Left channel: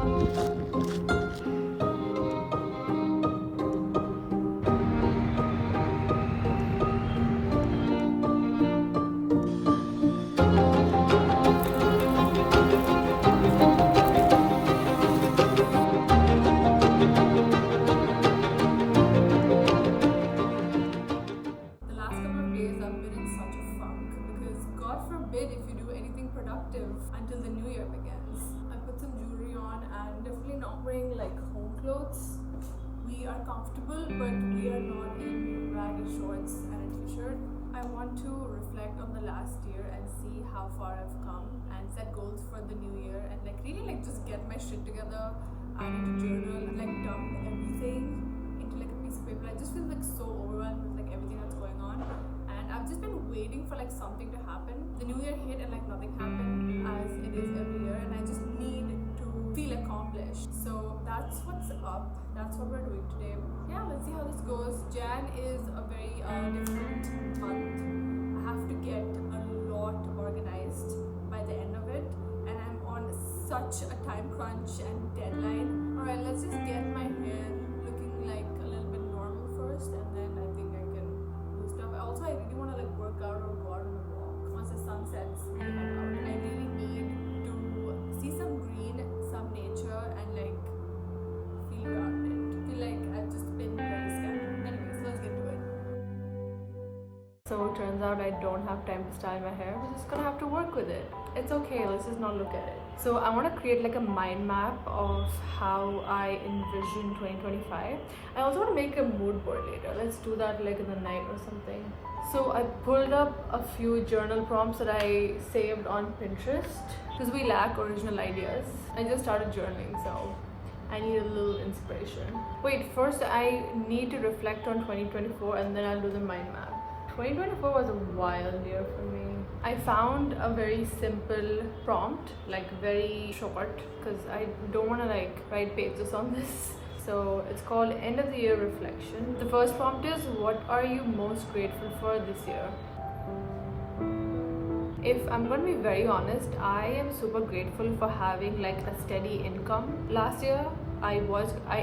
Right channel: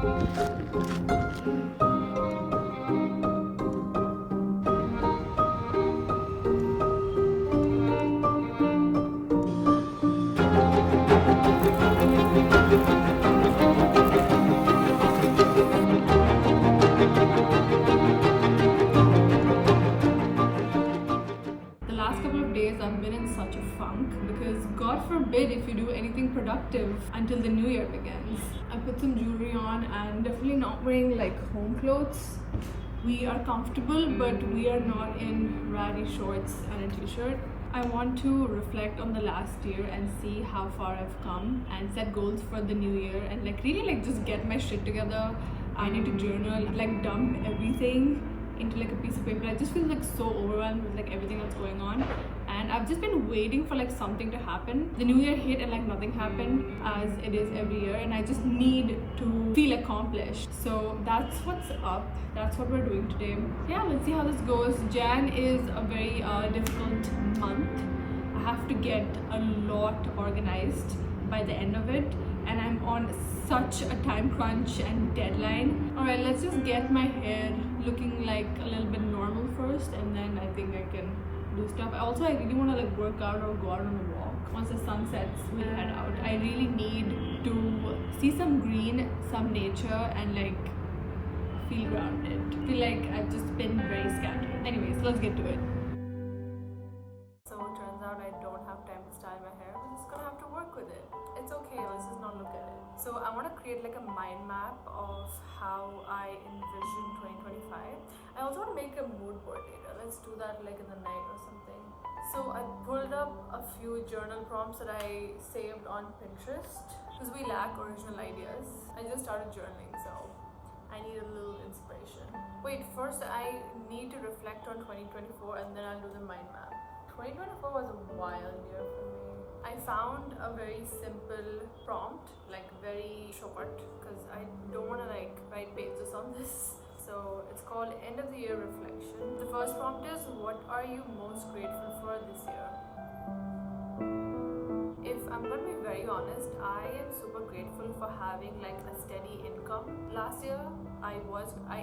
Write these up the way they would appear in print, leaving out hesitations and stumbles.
God forbid if you do anything productive until the new year begins. I put some jewelry on and definitely not wearing like home clothes. We are comfortable, but we are not in ratty shorts and a t-shirt. I want to reflect on the last year and see how far I've come and set goals for the new year and like really like just get my shit together. I need to journal, like dump everything into like a piece of paper. I just feel like so overwhelmed with like everything that's going on. And I've just been waiting for like something to happen. The new year hit and like nothing happened, as it is every year, and I just need to feel accomplished. So that's what's up. That's what we're doing today. Yeah, let's see how this goes. Jan is a very difficult month. I have to get a lot organized by the end of it, and I'm on such a time crunch and deadline. Alright, let's just get my hair looking like a little bit normal first, and then I think I can do stuff. Also, I really want to like work out or go out on a walk. Once the sun sets, we'll head out. I really need to see some green, some nature, and like feel grounded. I feel like I've just been very scattered. Anyways, let's get to it. So it turns out I don't have time to style my hair. We're just gonna have to work with it. It's okay, let's just not look at it. So I want to create like a mind map of how I envision 2025. I also want to make a mood board later. Let's do that like in the night or something. So I pulled up a few journal prompts that I saved on Pinterest because we lack original ideas. I just started journaling, so I need a little inspiration. Wait, first I need to reflect on 2024 and then I'll do the mind map. 2024 was a wild year for me. I found a very simple prompt, like very short, because I don't want to like write pages on this. So it's called End of the Year Reflection. The first prompt is, what are you most grateful for this year? If I'm going to be very honest, I am super grateful for having like a steady income. Last year, I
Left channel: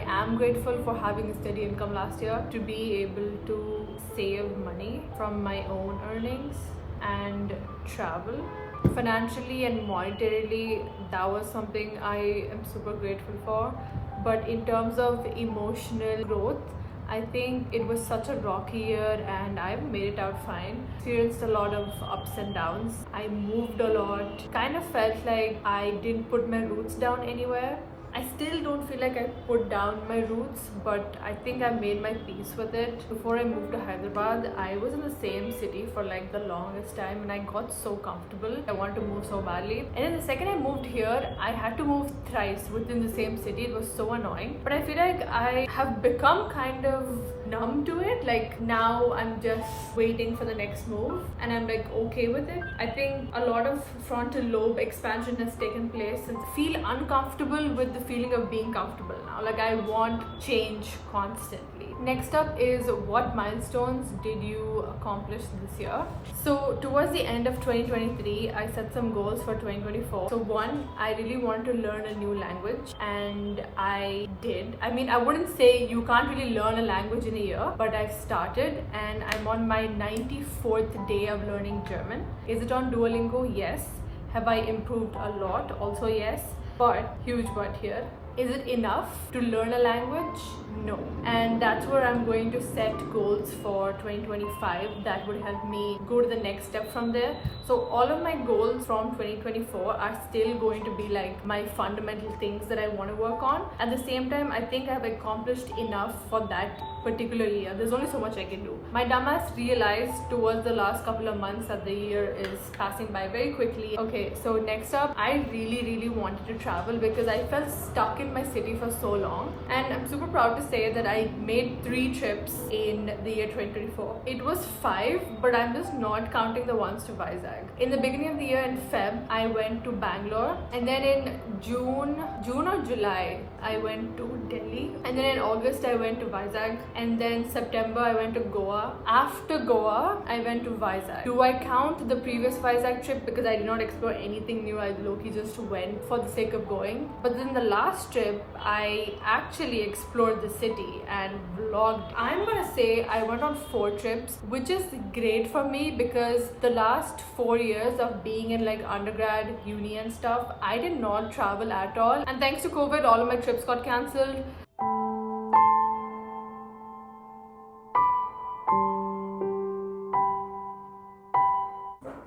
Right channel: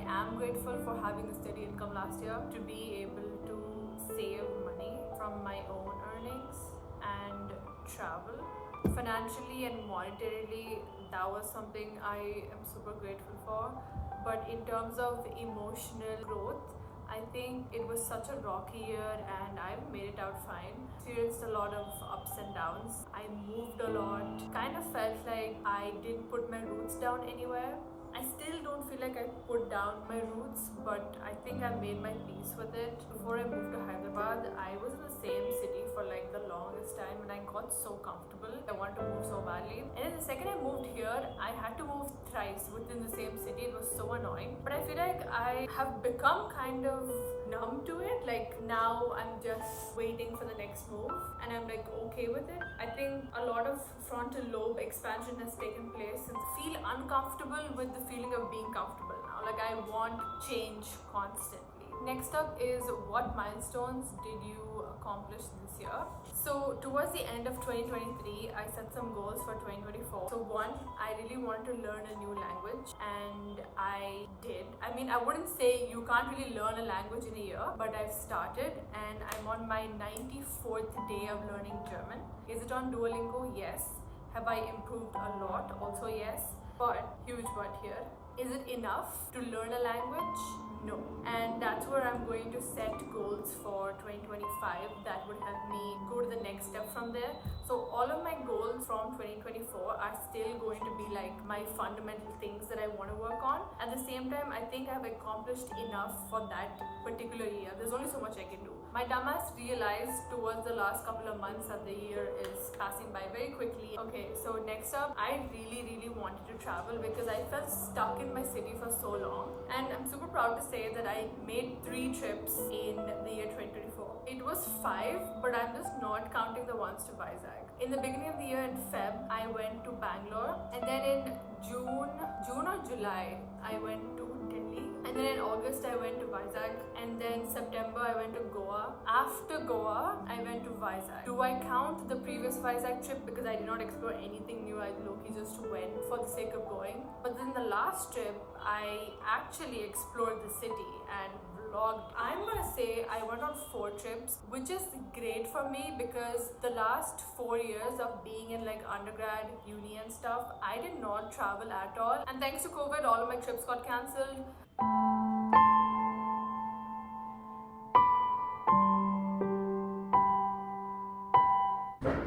am grateful for having a steady income last year, to be able to save money from my own earnings and travel. Financially and monetarily, that was something I am super grateful for. But in terms of emotional growth, I think it was such a rocky year and I've made it out fine. Experienced a lot of ups and downs. I moved a lot. Kind of felt like I didn't put my roots down anywhere. I still don't feel like I put down my roots, but I think I made my peace with it. Before I moved to Hyderabad, I was in the same city for like the longest time and I got so comfortable. I wanted to move so badly. And then the second I moved here, I had to move thrice within the same city. It was so annoying. But I feel like I have become kind of numb to it. Like now I'm just waiting for the next move and I'm like okay with it. I think a lot of frontal lobe expansion has taken place and I feel uncomfortable with the feeling of being comfortable now. Like I want change constantly. Next up is, what milestones did you accomplish this year? So towards the end of 2023, I set some goals for 2024. So one, I really wanted to learn a new language and I did. I mean, I wouldn't say you can't really learn a language in a year, but I've started and I'm on my 94th day of learning German. Is it on Duolingo? Yes. Have I improved a lot? Also yes. But, huge but here, is it enough to learn a language? No. And that's where I'm going to set goals for 2025 that would help me go to the next step from there. So all of my goals from 2024 are still going to be like my fundamental things that I want to work on. At the same time, I think I've accomplished enough for that particular year. There's only so much I can do. My dumbass realized towards the last couple of months that the year is passing by very quickly. Okay, so next up, I really wanted to travel because I felt stuck in my city for so long. And I'm super proud to say that I made 3 trips in the year 2024. It was 5, but I'm just not counting the ones to Vizag. In the beginning of the year in Feb, I went to Bangalore, and then in June or July, I went to Delhi, and then in August I went to Vizag, and then September I went to Goa. After Goa, I went to Vizag. Do I count the previous Vizag trip because I did not explore anything new? I low-key just went for the sake of going. But then the last trip, I actually explored the city and vlogged. I'm gonna say I went on 4 trips, which is great for me because the last 4 years of being in like undergrad, uni and stuff, I did not travel at all. And thanks to COVID, all of my trips got cancelled.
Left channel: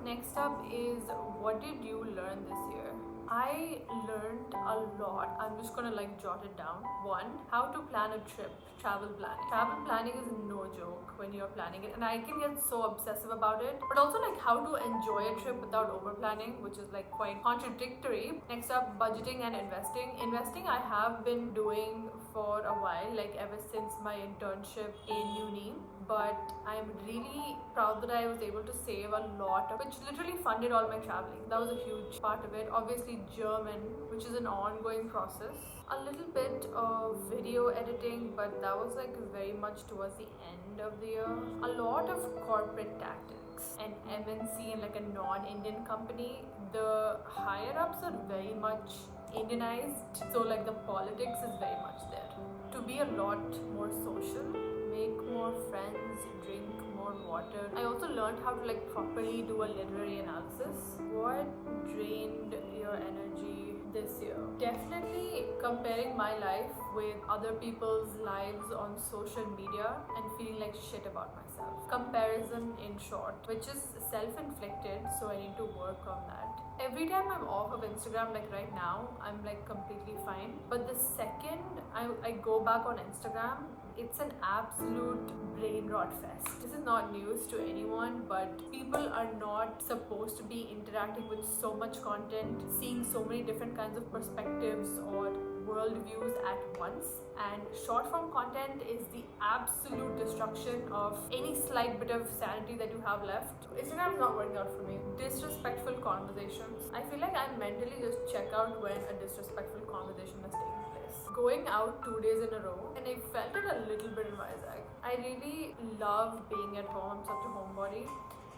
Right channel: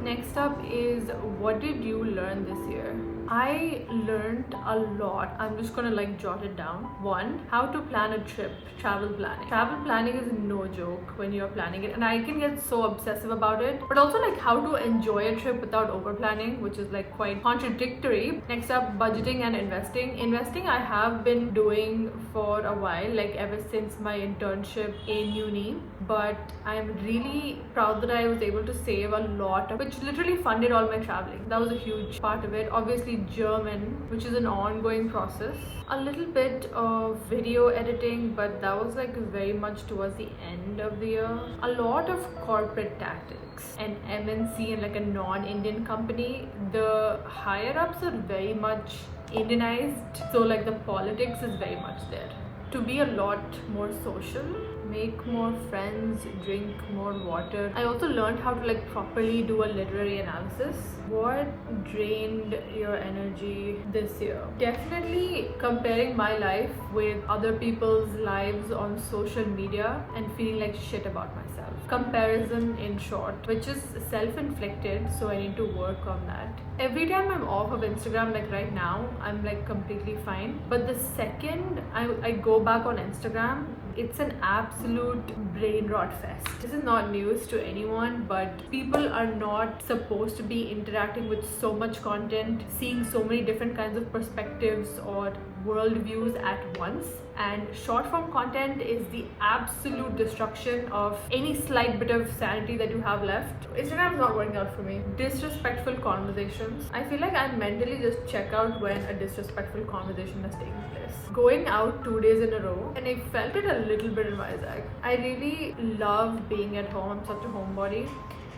Next up is, what did you learn this year? I learned a lot. I'm just gonna like jot it down. 1, how to plan a trip, travel planning. Travel planning is no joke when you're planning it, and I can get so obsessive about it. But also like how to enjoy a trip without over planning, which is like quite contradictory. Next up, budgeting and investing. Investing I have been doing for a while, like ever since my internship in uni. But I'm really proud that I was able to save a lot, which literally funded all my traveling. That was a huge part of it. Obviously German, which is an ongoing process. A little bit of video editing, but that was like very much towards the end of the year. A lot of corporate tactics. An MNC and like a non-Indian company, the higher ups are very much Indianized, so like the politics is very much there. To be a lot more social, make more friends, drink more water. I also learned how to like properly do a literary analysis. What drained your energy this year? Definitely comparing my life with other people's lives on social media and feeling like shit about myself. Comparison in short, which is self-inflicted, so I need to work on that. Every time I'm off of Instagram, like right now, I'm like completely fine. But the second I go back on Instagram, it's an absolute brain rot fest. This is not news to anyone, but people are not supposed to be interacting with so much content, seeing so many different kinds of perspectives or worldviews at once. And short form content is the absolute destruction of any slight bit of sanity that you have left. Instagram is not working out for me. Disrespectful conversations. I feel like I mentally just check out when a disrespectful conversation has taken place. Going out 2 days in a row, and I felt it a little bit in Vizag. I really love being at home. I'm such a homebody.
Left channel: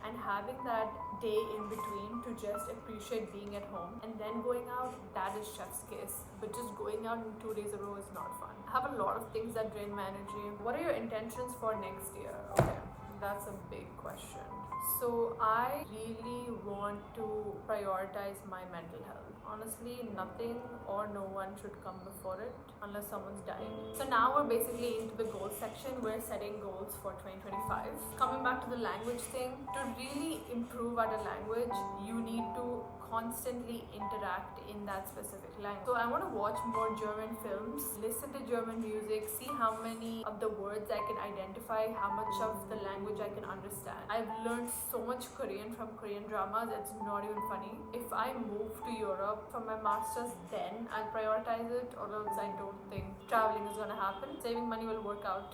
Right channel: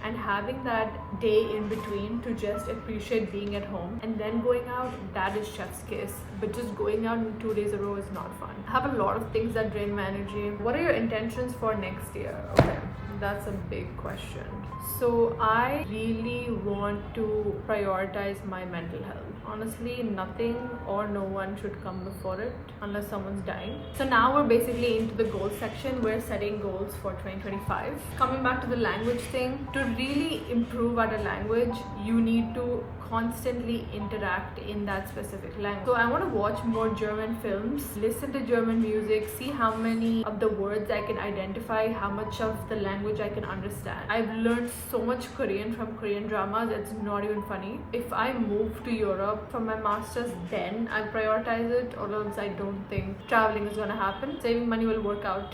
And having that day in between to just appreciate being at home and then going out, that is chef's kiss. But just going out in 2 days in a row is not fun. I have a lot of things that drain my energy. What are your intentions for next year? Okay, that's a big question. So I really want to prioritize my mental health. Honestly, nothing or no one should come before it unless someone's dying. So now we're basically into the goals section. We're setting goals for 2025. Coming back to the language thing, to really improve at a language, you need to constantly interact in that specific language. So I want to watch more German films, listen to German music, see how many of the words I can identify, how much of the language I can understand. I've learned so much Korean from Korean dramas, it's not even funny. If I move to Europe for my masters, then I'll prioritize it, or else I don't think traveling is gonna happen. Saving money will work out.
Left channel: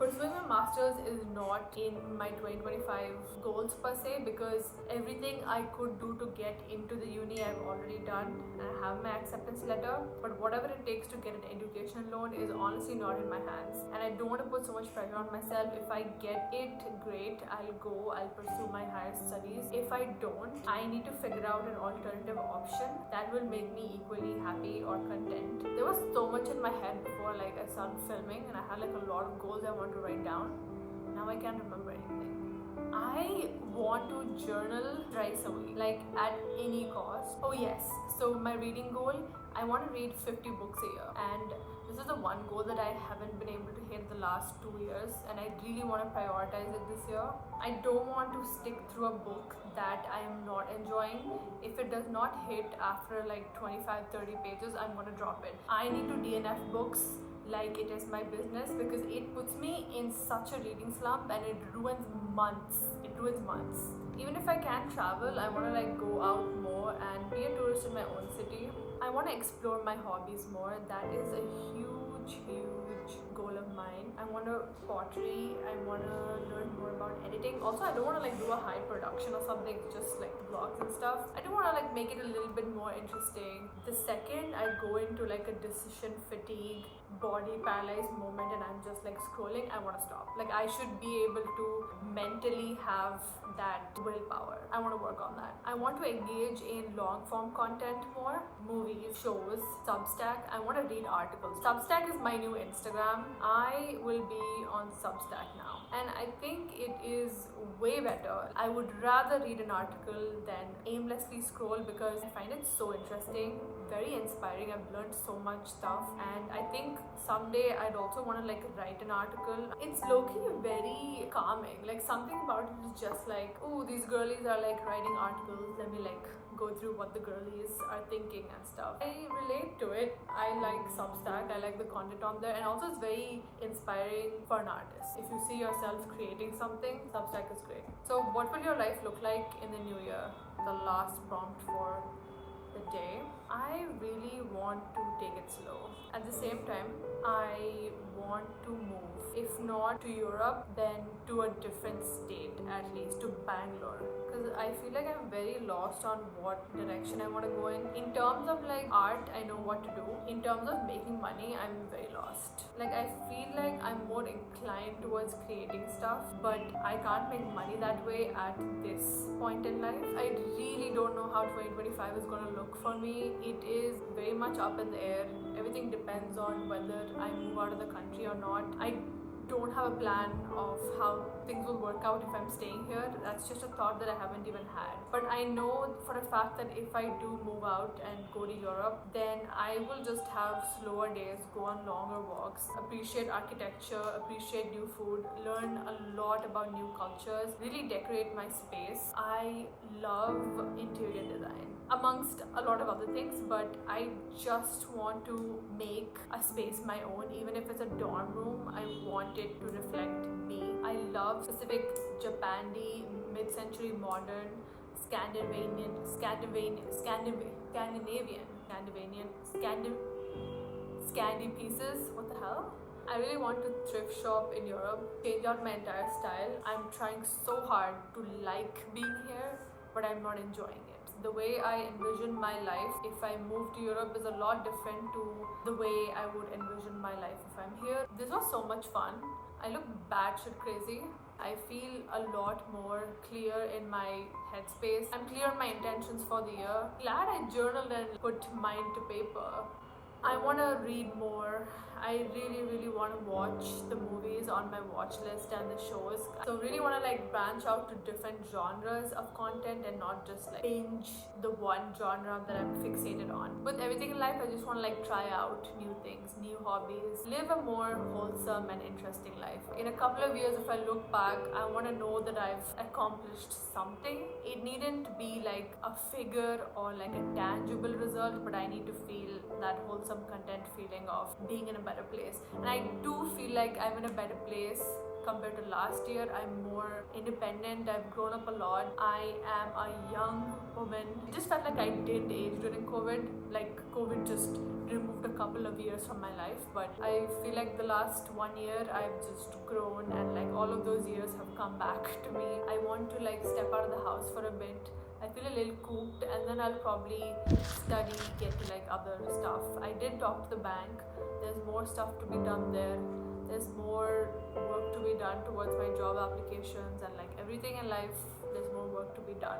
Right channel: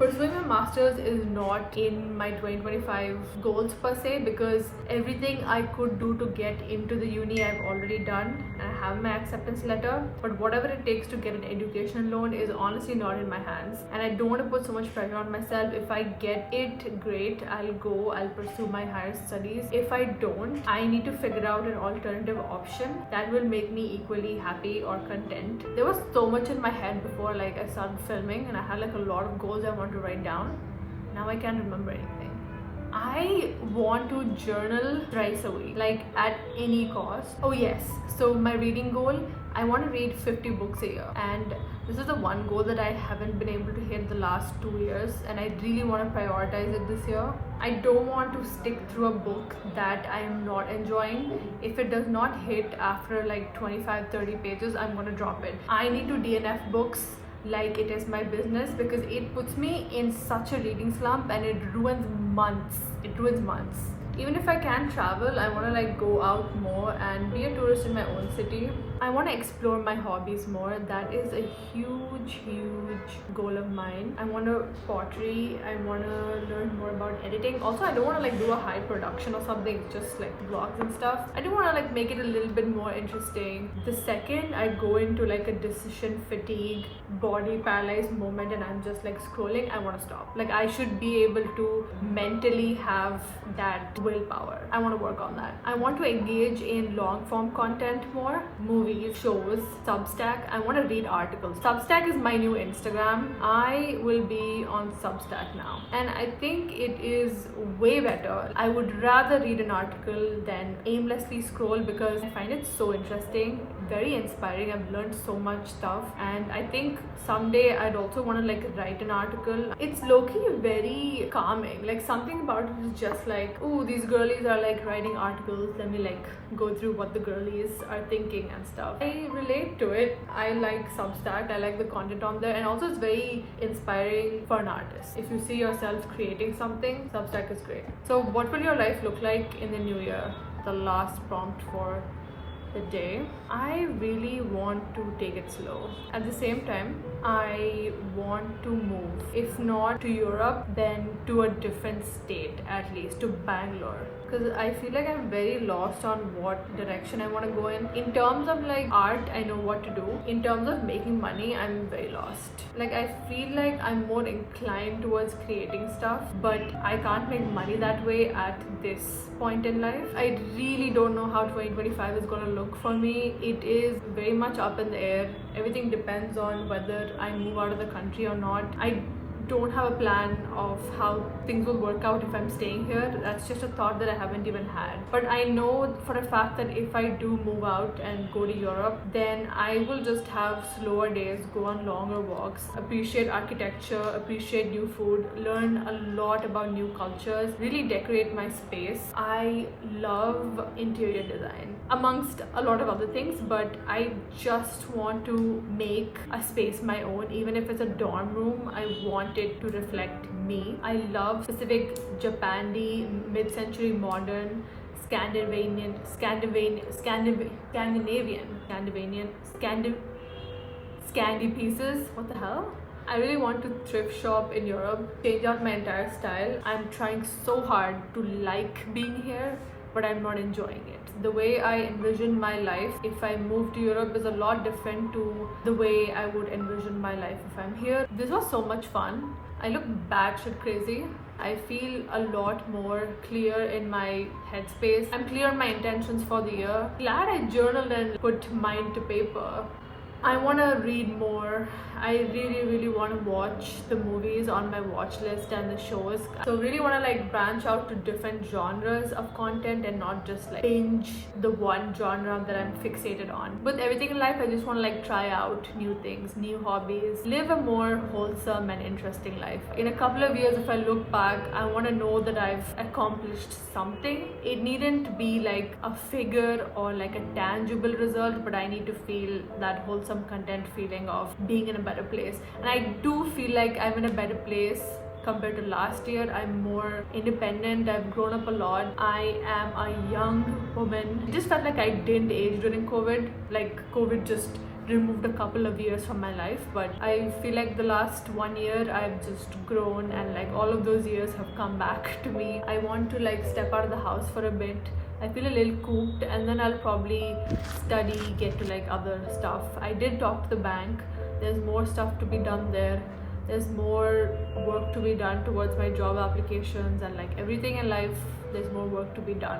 Pursuing my masters is not in my 2025 goals per se, because everything I could do to get into the uni I've already done, and I have my acceptance letter. But whatever it takes to get an education loan is honestly not in my hands, and I don't want to put so much pressure on myself. If I get it, great, I'll pursue my higher studies. If I don't, I need to figure out an alternative option that will make me equally happy or content. There was so much in my head before like I started filming, and I had like a lot of goals I want to write down. Now I can't remember anything. I want to journal thrice a week, like at any cost. Oh yes, so my reading goal, I want to read 50 books a year, and this is the one goal that I haven't been able to hit the last 2 years, and I really want to prioritize it this year. I don't want to stick through a book that I am not enjoying. If it does not hit after like 25-30 pages, I'm going to drop it. I need to DNF books like it is my business, because it puts me in such a reading slump and it ruins months. Even if I can travel, I want to like go out more and be a tourist in my own city. I want to explore my hobbies more. That is a huge goal of mine. I want to pottery. I want to learn more about editing. Also, I don't want to like do a high production or something, just like vlogs and stuff. I do want to like make it a little bit more interesting. The second I go into like a decision fatigue, body paralyzed moment and I'm just like scrolling, I want to stop. Like I should be able to mentally have that willpower. I want to work on that. I want to engage in long form content more, movies, shows, Substack. I want to read articles. Substack is my new Instagram. I will be on Substack now and I think it is way better. I would rather read an article than aimlessly scroll because I find it so interesting, very inspiring. I've learned so much stuff and I think someday I'd also want to like write an article. It's low-key very calming. Like something about it is just like, ooh, these girlies are like writing articles. Let me like go through what the girlies are thinking and stuff. I relate to it. I like Substack. I like the content on there and also it's very inspiring for an artist. If you see yourself creating something, Substack is great. So what will your life look like in the new year? The last prompt for the day. I really want to take it slow. At the same time, I want to move. If not to Europe, then to a different state, at least to Bangalore. Because I feel like I'm very lost on what direction I want to go in terms of like art, I know what to do. In terms of making money, I'm very lost. Like I feel like I'm more inclined towards creating stuff, but I can't make money that way at this point in life. I really don't know how 2025 is going to look for me. It is very much up in the air. Everything depends on whether I move out of the country or not. I don't have a plan of how things will work out if I'm staying here. That's just a thought that I haven't even had. But I know for a fact that if I do move out and go to Europe, then I will just have slower days, go on longer walks, appreciate architecture, appreciate new food, learn a lot about new cultures, really decorate my space. I love interior design amongst a lot of other things, but I just want to make a space my own. Even if it's a dorm room, I want it to reflect me. I love specific Japandi, mid-century modern, Scandinavian, Scandi pieces. What the hell? I really want to thrift shop in Europe, change out my entire style. I'm trying so hard to like being here, but I'm not enjoying it. The way I envision my life if I move to Europe is a lot different to the way I would envision my life if I'm here. This was so much fun. I look batshit crazy. I feel a lot more clear in my headspace. I'm clear on my intentions for the year. Glad I journaled and put mine to paper. I want to read more. I really want to watch the movies on my watch list and the shows. So really want to like branch out to different genres of content and not just like binge the one genre that I'm fixated on. With everything in life, I just want to like try out new things, new hobbies, live a more wholesome and interesting life. In a couple of years, if I look back, I want to know that I've accomplished something. It needn't be like a figure or like a tangible result, but I need to feel that wholesome content feeling of being in a better place. And I do feel like I'm in a better place compared to last year. I'm more independent. I've grown up a lot. I am a young woman. It just felt like I didn't age during COVID. Like COVID just removed a couple of years from my life, but I feel like the last 1 year I've just grown and like all of those years have come back to me. I want to like step out of the house for a bit. I feel a little cooped and then I'll probably study, get to like other stuff. I did talk to the bank. There's more stuff to be done there. There's more work to be done towards my job applications and like everything in life, there's more work to be done.